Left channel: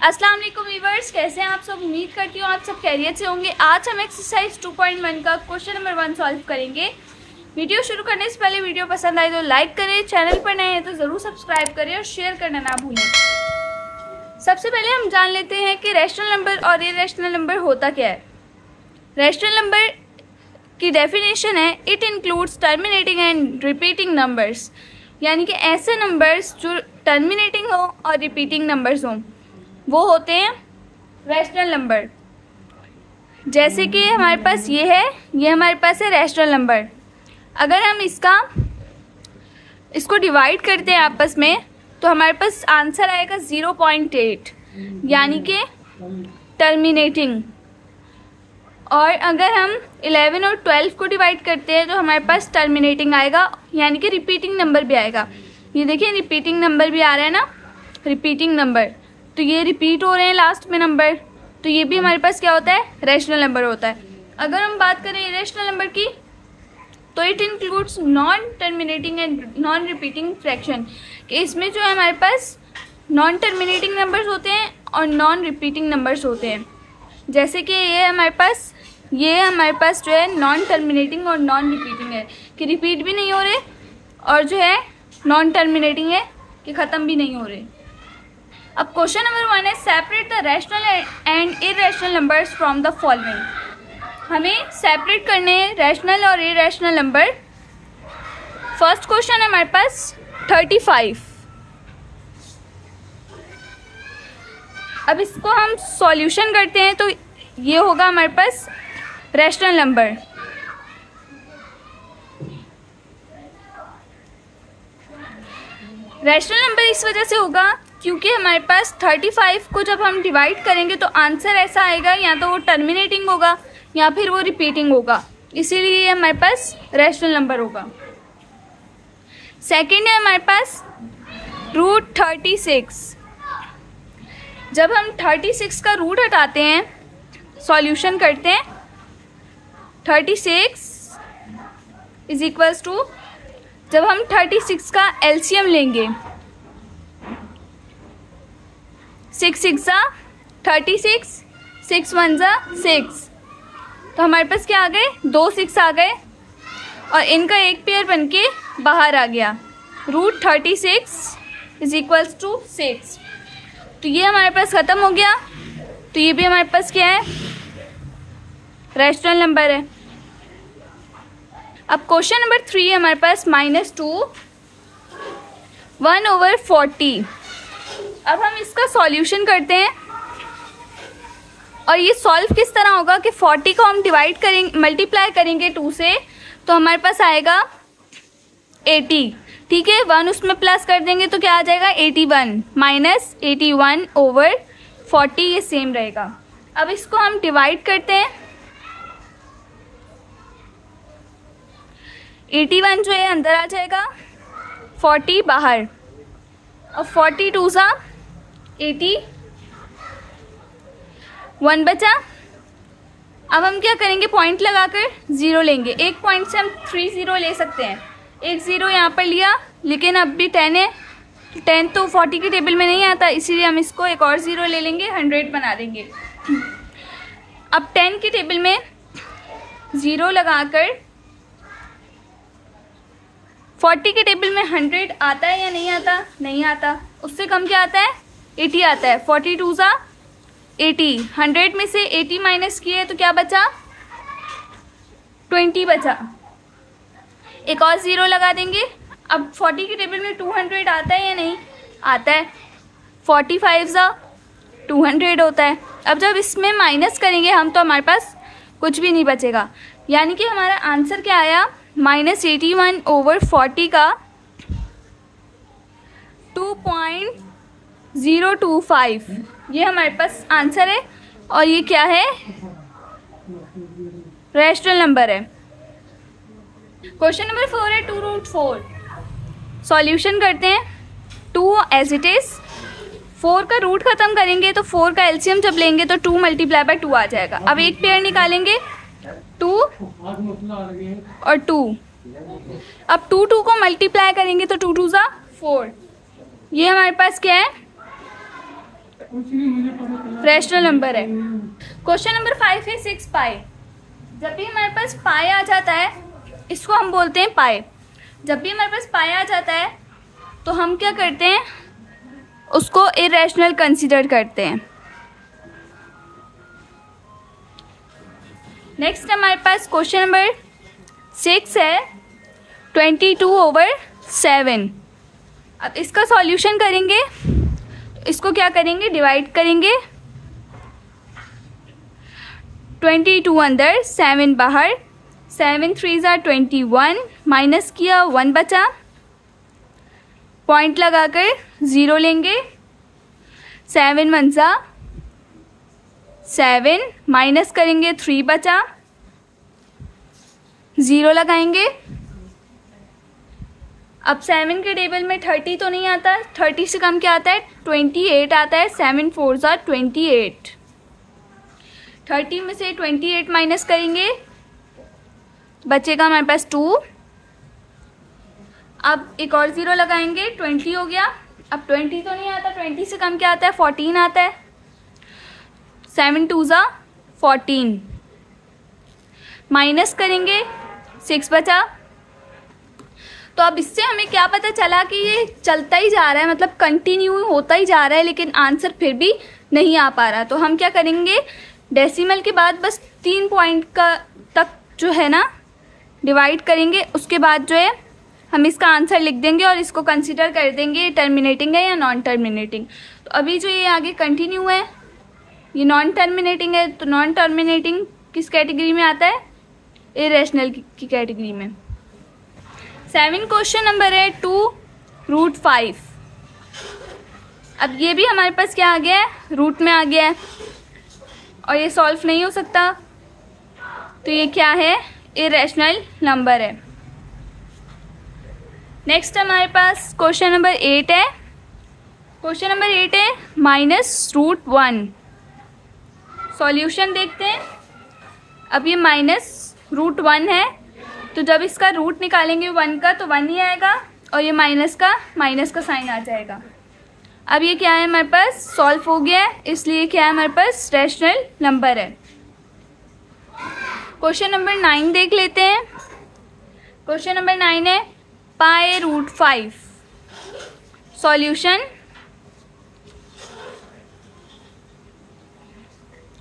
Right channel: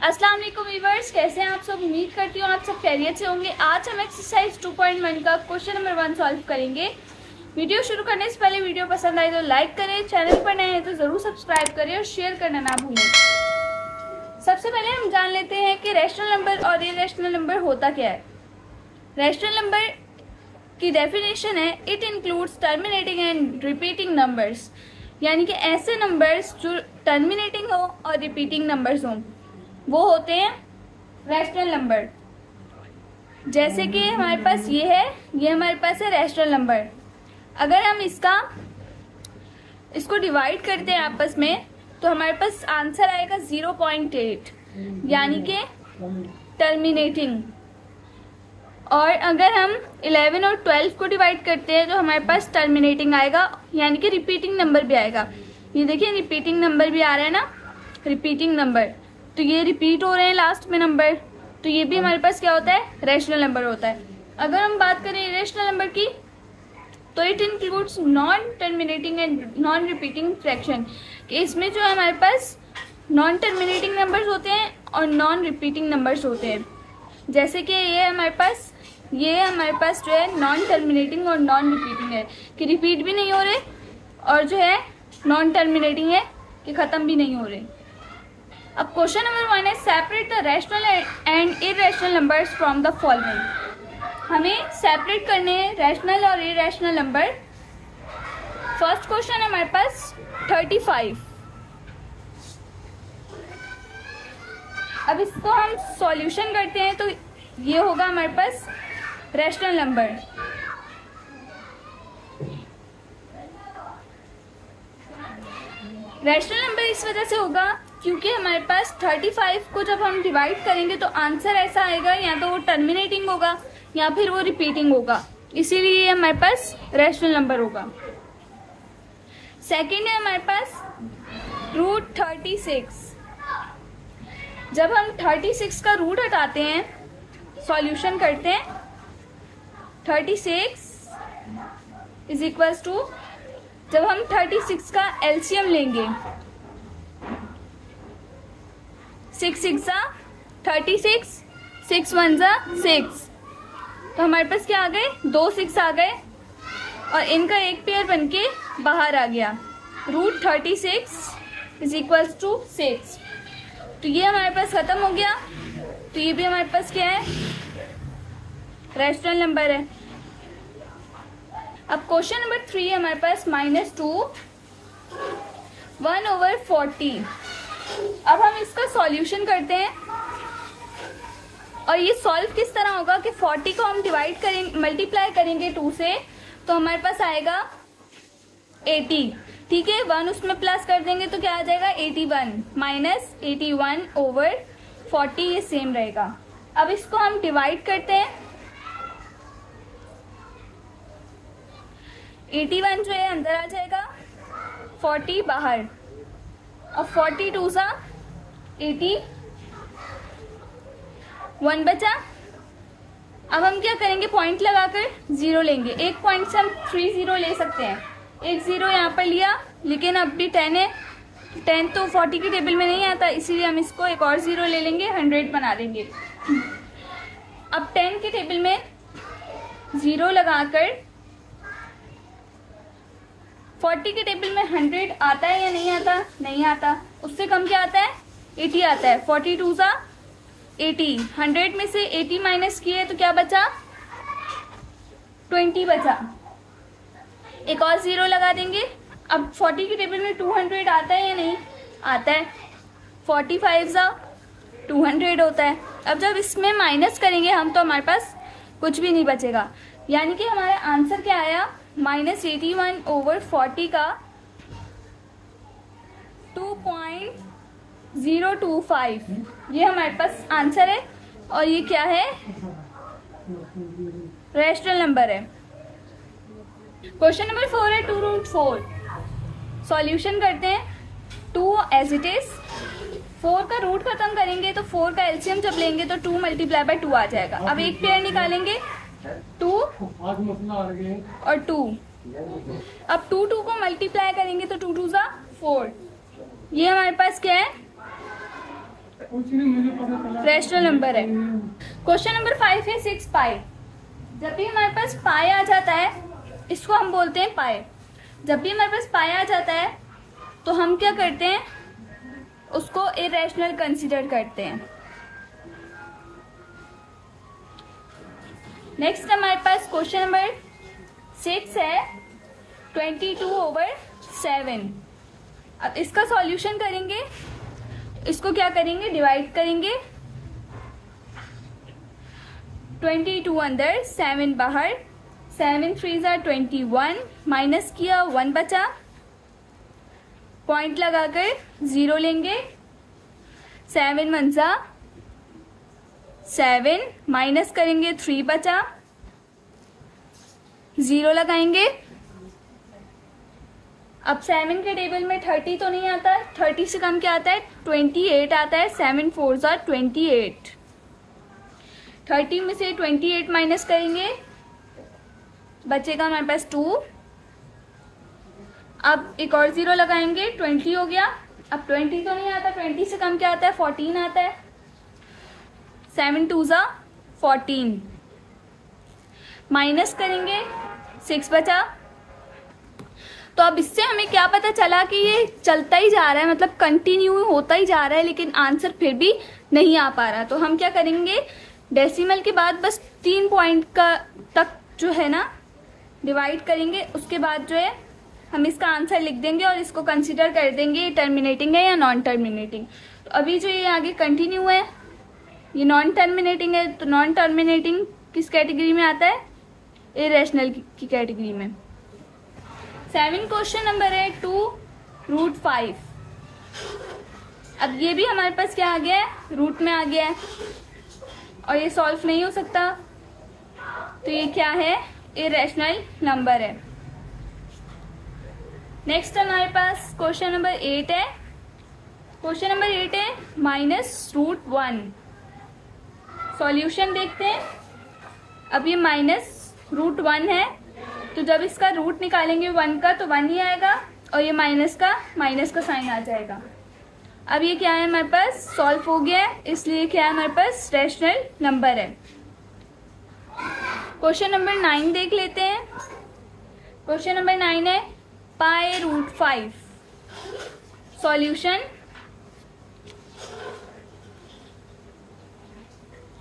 अस्सलाम वालेकुम व्यूअर्स, कैसे हैं आप सब। उम्मीद करती हूँ आप सब खैरियत से होंगे। आज हम एक्सरसाइज 2.1 का क्वेश्चन नंबर 1 सॉल्व करेंगे। वीडियो शुरू करने से पहले वीडियो पसंद आए तो लाइक करें, चैनल पर नए हैं तो ज़रूर सब्सक्राइब करें और शेयर करना ना भूलें। सबसे पहले हम जान लेते हैं कि रैशनल नंबर और इरेशनल नंबर होता क्या है। रैशनल नंबर की डेफिनेशन है, it includes terminating and repeating numbers, यानी कि ऐसे नंबर्स जो टर्मिनेटिंग हो और रिपीटिंग नंबर्स हों वो होते हैं रैशनल नंबर। जैसे कि हमारे पास ये है, ये हमारे पास है रैशनल नंबर। अगर हम इसको डिवाइड करते हैं आपस में तो हमारे पास आंसर आएगा 0.8, यानी कि टर्मिनेटिंग। और अगर हम 11 और 12 को डिवाइड करते हैं तो हमारे पास टर्मिनेटिंग आएगा, यानी कि रिपीटिंग नंबर भी आएगा। ये देखिए रिपीटिंग नंबर भी आ रहा है ना, रिपीटिंग नंबर, तो ये रिपीट हो रहे हैं लास्ट में नंबर, तो ये भी हमारे पास क्या होता है, रैशनल नंबर होता है। अगर हम बात करें इरेशनल नंबर की तो it includes non terminating and non repeating fraction. इसमें जो है हमारे पास नॉन टर्मिनेटिंग नंबर्स होते हैं और नॉन रिपीटिंग नंबर्स होते हैं। जैसे कि ये हमारे पास जो है नॉन टर्मिनेटिंग और नॉन रिपीटिंग है, कि रिपीट भी नहीं हो रहे, और जो है नॉन टर्मिनेटिंग है कि ख़त्म भी नहीं हो रहे। अब क्वेश्चन नंबर 1 है, separate the rational and irrational numbers from the following. हमें सेपरेट करने हैं रैशनल और इरेशनल नंबर। फर्स्ट क्वेश्चन है हमारे पास 35। अब इसको हम सॉल्यूशन करते हैं तो ये होगा हमारे पास रैशनल नंबर। रैशनल नंबर इस वजह से होगा क्योंकि हमारे पास 35 को जब हम डिवाइड करेंगे तो आंसर ऐसा आएगा, या तो वो टर्मिनेटिंग होगा या फिर वो रिपीटिंग होगा, इसीलिए हमारे पास रैशनल नंबर होगा। सेकंड है हमारे पास रूट 36। जब हम 36 का रूट हटाते हैं, सॉल्यूशन करते हैं, 36 इज इक्वल्स टू, जब हम 36 का एलसीएम लेंगे, 6 6 36, 6 1 6, तो हमारे पास क्या आ गए, 2 6 आ गए और इनका एक पेयर बनके बाहर आ गया। रूट 36 इज इक्वल्स टू 6, तो ये हमारे पास खत्म हो गया। तो ये भी हमारे पास क्या है, रैशनल नंबर है। अब क्वेश्चन नंबर 3 है हमारे पास -2 1/40। अब हम इसका सॉल्यूशन करते हैं और ये सॉल्व किस तरह होगा कि 40 को हम डिवाइड करेंगे, मल्टीप्लाई करेंगे 2 से, तो हमारे पास आएगा 80। ठीक है, 1 उसमें प्लस कर देंगे तो क्या आ जाएगा, 81 -81/40, ये सेम रहेगा। अब इसको हम डिवाइड करते हैं, 81 जो है अंदर आ जाएगा, 40 बाहर, और 42 सा 80, 1 बचा। अब हम क्या करेंगे, पॉइंट लगाकर 0 लेंगे। एक पॉइंट से हम 3 0 ले सकते हैं, एक 0 यहाँ पर लिया, लेकिन अब भी 10 है, 10 तो 40 की टेबल में नहीं आता, इसीलिए हम इसको एक और 0 ले लेंगे, 100 बना देंगे। अब 10 की टेबल में 0 लगाकर 40 के टेबल में 100 आता है या नहीं आता, नहीं आता। उससे कम क्या आता है, 80 आता है। 42 सा 80, 100 में से 80 माइनस किए तो क्या बचा, 20 बचा। एक और 0 लगा देंगे। अब 40 के टेबल में 200 आता है या नहीं आता है, 45 सा 200 होता है। अब जब इसमें माइनस करेंगे हम तो हमारे पास कुछ भी नहीं बचेगा, यानी कि हमारा आंसर क्या आया, -81/40 का 2.025, ये हमारे पास आंसर है। और ये क्या है, रैशनल नंबर है। क्वेश्चन नंबर 4 है 2√4। सॉल्यूशन करते हैं, 2 एज इट इज, 4 का रूट खत्म करेंगे तो 4 का एलसीएम जब लेंगे तो 2 × 2 आ जाएगा। अब एक पेयर निकालेंगे, 2 और 2, अब 2 को मल्टीप्लाई करेंगे तो 2 2 सा 4, ये हमारे पास क्या है, रैशनल नंबर है। क्वेश्चन नंबर 5 है 6 पाई। जब भी हमारे पास पाई आ जाता है, इसको हम बोलते हैं पाई। जब भी हमारे पास पाई आ जाता है तो हम क्या करते हैं, उसको इरेशनल कंसीडर करते हैं। नेक्स्ट हमारे पास क्वेश्चन नंबर 6 है 22/7। अब इसका सॉल्यूशन करेंगे, इसको क्या करेंगे, डिवाइड करेंगे। 22 अंदर, 7 बाहर, 7 3 21, माइनस किया 1 बचा, पॉइंट लगाकर 0 लेंगे। 7 1 7, माइनस करेंगे 3 बचा, 0 लगाएंगे। अब 7 के टेबल में 30 तो नहीं आता, 30 से कम क्या आता है, 28 आता है। 7 4 28, 30 में से 28 माइनस करेंगे, बचेगा हमारे पास 2। अब एक और 0 लगाएंगे, 20 हो गया। अब 20 तो नहीं आता, 20 से कम क्या आता है, 14 आता है। 7 2 14, माइनस करेंगे 6 बचा। तो अब इससे हमें क्या पता चला कि ये चलता ही जा रहा है, मतलब कंटिन्यू होता ही जा रहा है, लेकिन आंसर फिर भी नहीं आ पा रहा। तो हम क्या करेंगे, डेसिमल के बाद बस 3 पॉइंट का तक जो है ना डिवाइड करेंगे, उसके बाद जो है हम इसका आंसर लिख देंगे और इसको कंसीडर कर देंगे ये टर्मिनेटिंग है या नॉन टर्मिनेटिंग। तो अभी जो ये आगे कंटिन्यू है ये नॉन टर्मिनेटिंग है, तो नॉन टर्मिनेटिंग किस कैटेगरी में आता है, इरेशनल की कैटेगरी में। 7 क्वेश्चन नंबर है 2√5। अब ये भी हमारे पास क्या आ गया है, रूट में आ गया है और ये सॉल्व नहीं हो सकता, तो ये क्या है, इरेशनल नंबर है। नेक्स्ट हमारे पास क्वेश्चन नंबर 8 है। क्वेश्चन नंबर 8 है -√1। सॉल्यूशन देखते हैं। अब ये -√1 है, तो जब इसका रूट निकालेंगे 1 का तो 1 ही आएगा और ये माइनस का साइन आ जाएगा। अब ये क्या है, हमारे पास सॉल्व हो गया है, इसलिए क्या है, हमारे पास रैशनल नंबर है। क्वेश्चन नंबर 9 देख लेते हैं। क्वेश्चन नंबर 9 है π√5। सॉल्यूशन,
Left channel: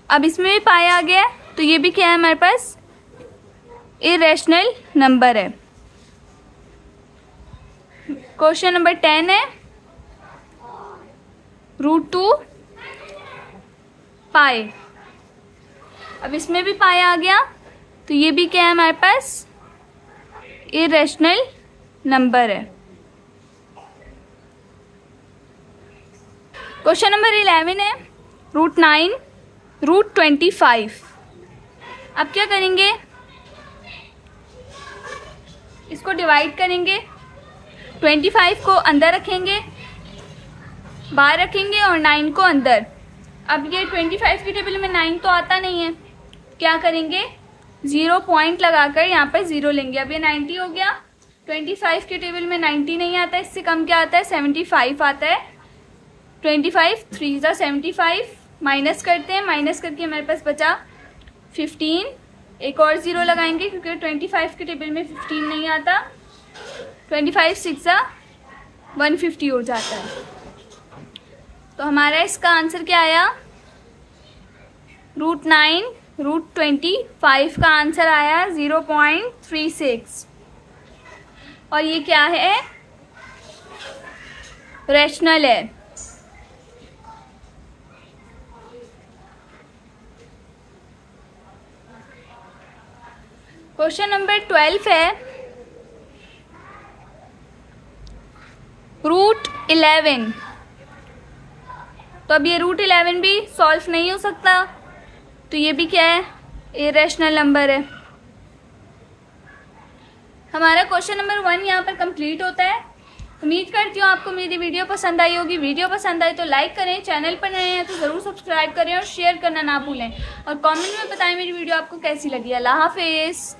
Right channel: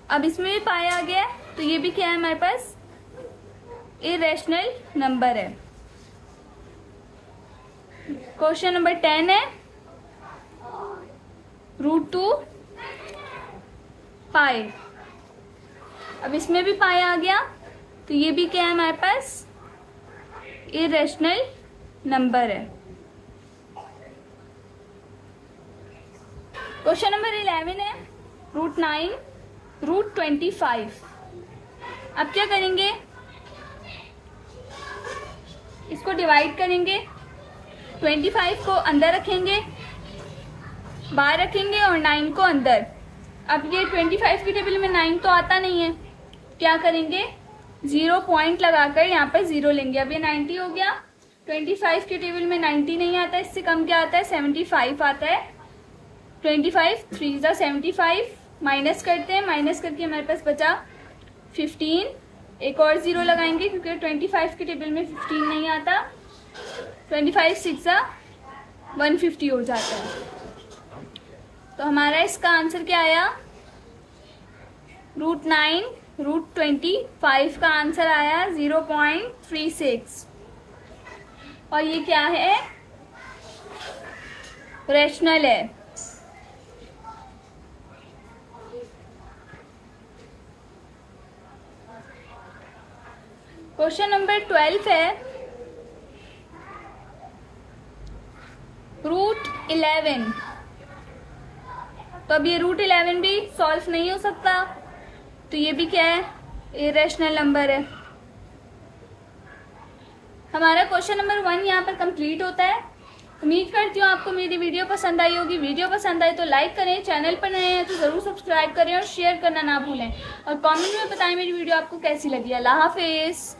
अब इसमें भी पाई आ गया है, तो ये भी क्या है, हमारे पास इरेशनल नंबर है। क्वेश्चन नंबर 10 है √2 पाई। अब इसमें भी पाई आ गया, तो ये भी क्या है, हमारे पास इरेशनल नंबर है। क्वेश्चन नंबर 11 है √9 √25। अब क्या करेंगे, इसको डिवाइड करेंगे। 25 को अंदर रखेंगे, बाहर रखेंगे और 9 को अंदर। अब ये 25 की टेबल में 9 तो आता नहीं है, क्या करेंगे, 0 पॉइंट लगाकर यहाँ पर 0 लेंगे। अब ये 90 हो गया। 25 की टेबल में 90 नहीं आता, इससे कम क्या आता है, 75 आता है। 25 3 75, माइनस करते हैं, माइनस करके हमारे पास बचा 15। एक और 0 लगाएंगे क्योंकि 25 की टेबल में 15 नहीं आता। 25 6 150 हो जाता है। तो हमारा इसका आंसर क्या आया, √9 √25 का आंसर आया 0.36। और ये क्या है, रैशनल है। क्वेश्चन नंबर 12 है √11। तो अब ये √11 भी सॉल्व नहीं हो सकता, तो ये भी क्या है, इरेशनल नंबर है। हमारा क्वेश्चन नंबर 1 यहाँ पर कंप्लीट होता है। उम्मीद करती हूँ आपको मेरी वीडियो पसंद आई होगी। वीडियो पसंद आए तो लाइक करें, चैनल पर नए हैं तो ज़रूर सब्सक्राइब करें और शेयर करना ना भूलें। और कमेंट में बताएं मेरी वीडियो आपको कैसी लगी। अल्लाह हाफिज़।